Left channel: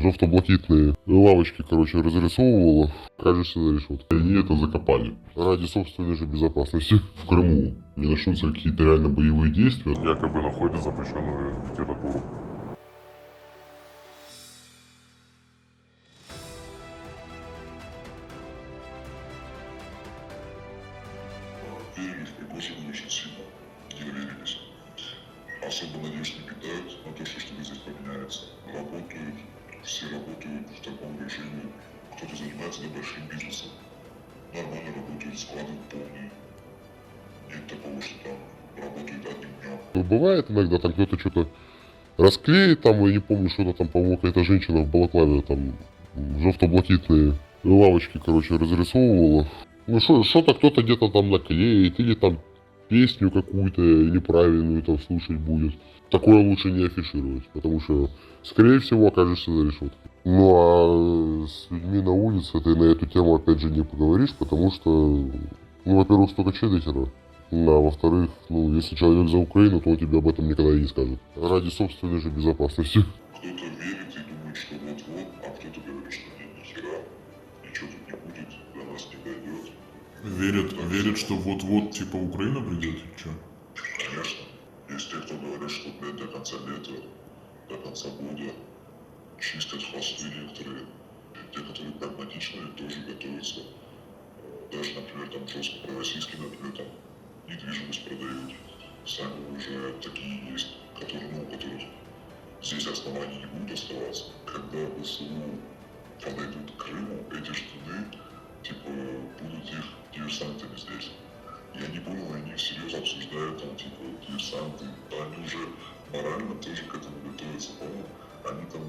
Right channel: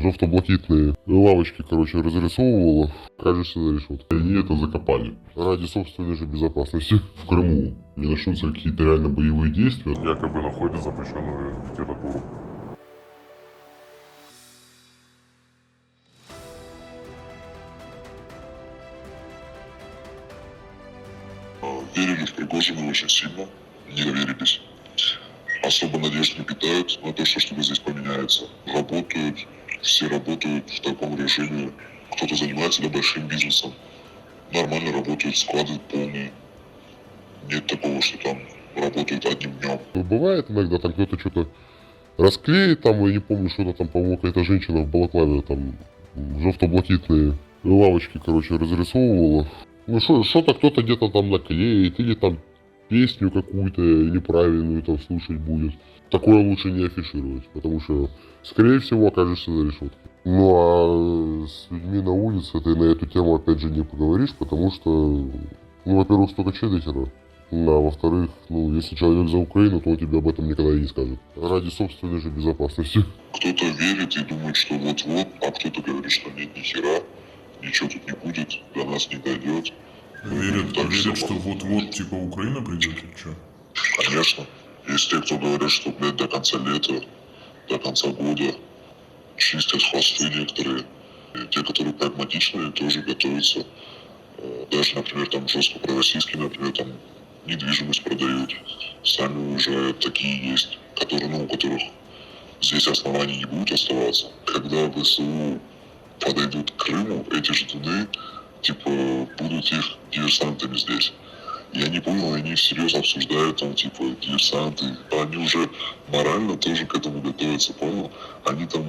жовто-блакитные лавочки, короче, разрисовывала, кажется, за решеткой. Они это закопали. Ради собственной же безопасности в Крыму не начнутся какие-то реально боевые действия. Якобы находят запрещенную литературу. Верили в Пригожина очень сильно, не доверились. Особо надежд не питают на то, что что-то здесь поменяется. Работают, все работают в таком режиме. Кто-то занимается большим бизнесом. Нормально работают, склады полные. Нет такого, что там работают одним днем. Бывает иногда там кто-то что-то расклеит, там, я не помню, что-то там, по-моему, какая-то женщина в балаклаве там жовто-блакитные лавочки, короче, разрисовывала. Ну что-то кто-то где-то там наклеит, или там песню какую-то неправильную там слушать будет. Такое лучше не афишировать, потому что, скорее всего, окажешься за решеткой. Ну а с людьми на улице ты на эту тему опять же не поговоришь, потому что, ну, во-первых, столько чеддикера. А во-вторых, ну, если человек за Украину, то он тебе об этом никогда и не скажет. Ради собственной же безопасности. Кто-то верит и думает, что вот-вот, а кто-то говорит, что нет, ни хера, ничего тут не будет, до нас не дойдет. Верят, что вот-вот, типа, Украина придет, что? Конечно. Есть те, кто говорят, что, блядь, до конца лета, до конца года чистят хвосты некоторые. И те, которые прагматичные, тоже готовятся. Даже, например, там жестко пророссийские, например, там недвижимость продают. Сами уже такие есть, которые, ну, у которых здесь оснований не будет оставаться. Когда ВСУ подойдут к Крыму, эти ждуны, типа, будут их диверсантами здесь. Я не понял, они всерьез обсуждают там, типа, диверсанты. Они уже морально тоже к этому готовятся, понял? Они там,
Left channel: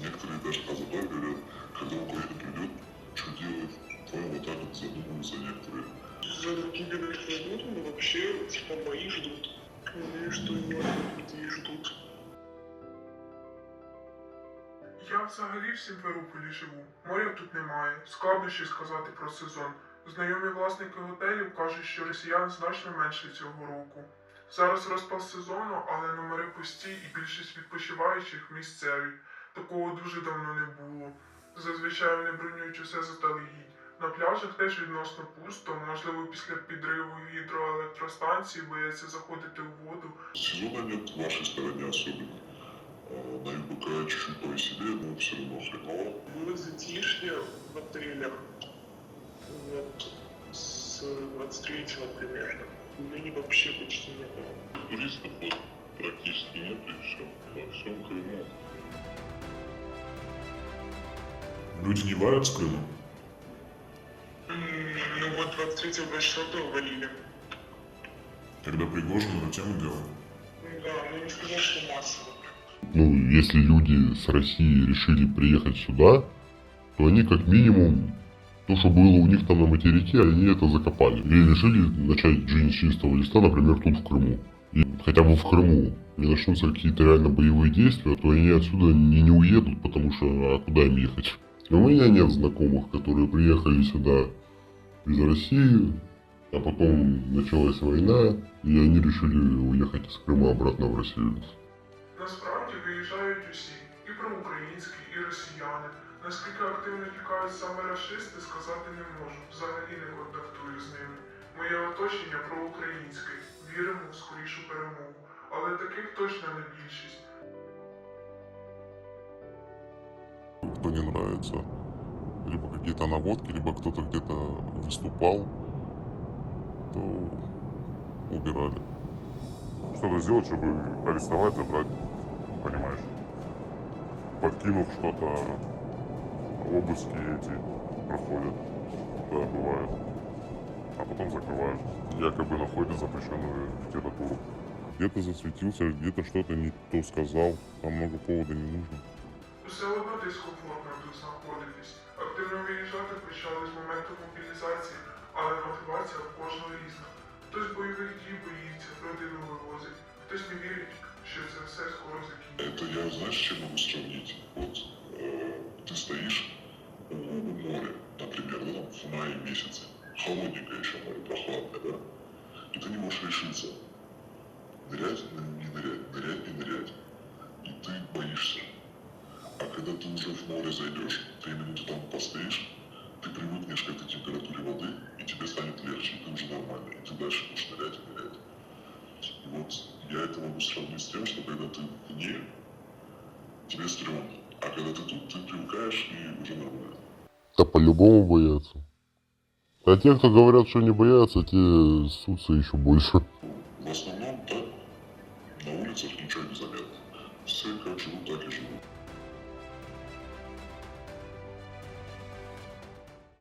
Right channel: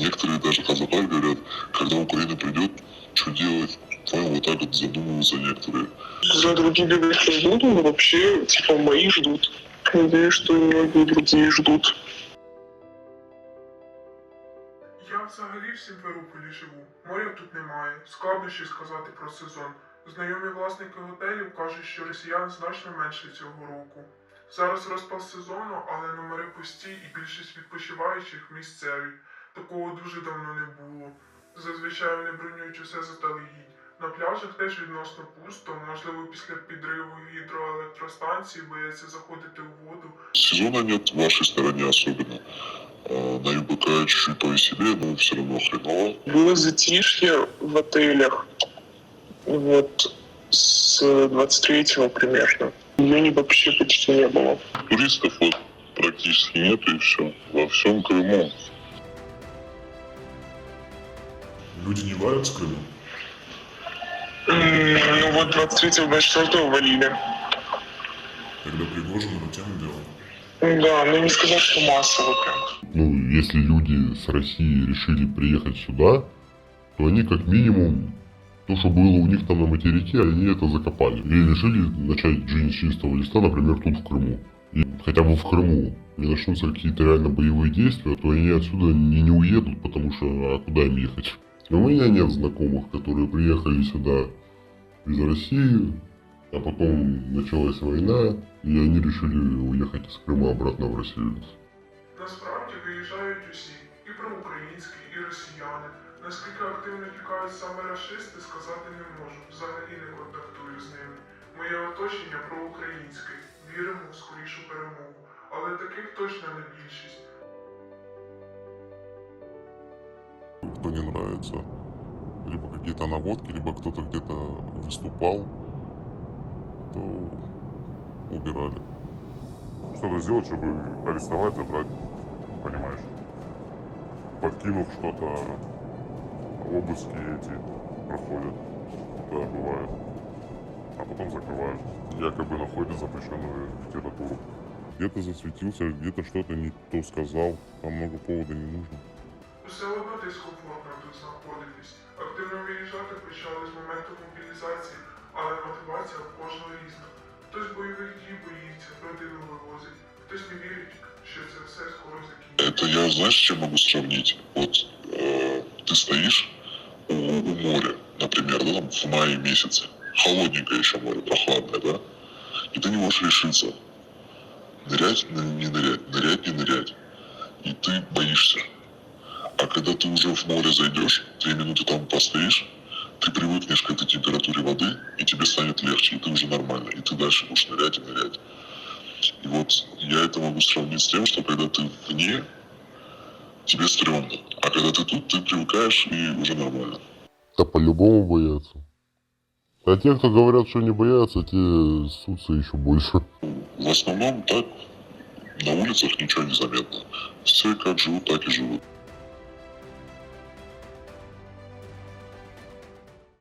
некоторые даже Хазапар говорят, когда Украина придет, что делать? Понял, вот так вот задумываются некоторые. За другие люди ждут, но вообще, типа, мои ждут. Надеюсь, что и многие другие ждут. Я взагалі в Сімферополі живу. Моря тут немає. Складно щось сказати про сезон. Знайомі власники готелів кажуть, що росіян значно менше цього року. Зараз розпал сезону, але номери пусті і більшість відпочиваючих місцеві. Такого дуже давно не було. Зазвичай вони бронюють усе заздалегідь. На пляжах теж відносно пусто, можливо після підриву гідроелектростанції бояться заходити у воду. Сезона нет в вашей стороне особенно. На ЮБК чуть-чуть повеселее, но все равно хреново. Было затишье в отелях. Вот с 23-го примерно. Июня вообще почти не было. Туристов вот практически нет и все. Во всем Крыму. Люди не валят с Крыма. Ну вот 23-го, 24-го валили. Тогда Пригожин рутину делал. Да, но не сказать, что массово прям. Ну, если люди с России решили приехать сюда, то они как минимум то, что было у них там на материке, они это закопали. Или решили начать жизнь с чистого листа, например, тут в Крыму. И хотя бы в Крыму не начнутся какие-то реально боевые действия, то они отсюда не уедут, потому что а куда им ехать? У меня нет знакомых, которые приехали сюда из России, а потом началась война, и они решили уехать из Крыма обратно в Россию. Насправді виїжджають усі, і проукраїнські, і росіяни. Наскільки активно тікають саме рашисти, сказати не можу. Взагалі не контактую з ними. Моє оточення проукраїнське. Віримо в скорішу перемогу. Але таких точно не більшість. Кто не нравится. Либо какие-то наводки, либо кто-то где-то выступал, то убирали. Что-то сделать, чтобы арестовать, забрать, понимаешь? Подкинув что-то, обыски эти проходят, да, бывает. А потом закрывают. Якобы находят запрещенную литературу. Где-то засветился, где-то что-то не то сказал, там много повода не нужно. Усе одно дискомфортно тут знаходитись. Активно виїжджати почали з моменту мобілізації, але мотивація в кожного різна. Хтось бойових дій боїться, родину вивозить, хтось не вірить, що це все скоро закінчиться. Это я, знаешь, с чем могу сравнить? Вот ты стоишь у моря, например, да, там в мае месяце, холодненькое еще море, прохладное, да? И ты не можешь решиться, нырять, не нырять, нырять, не нырять. И ты боишься. А когда ты уже в море зайдешь, 3 минуты там постоишь, ты привыкнешь к этой температуре воды, и тебе станет легче, и ты уже нормально, и ты дальше будешь нырять и нырять. И вот я это могу сравнить с тем, что когда ты вне, тебе стрёмно, а когда ты тут, ты привыкаешь и уже нормально. Да по-любому боятся. А те, кто говорят, что не боятся, те ссутся еще больше. В основном так, на улицах ничего не заметно. Все как живут, так и живут.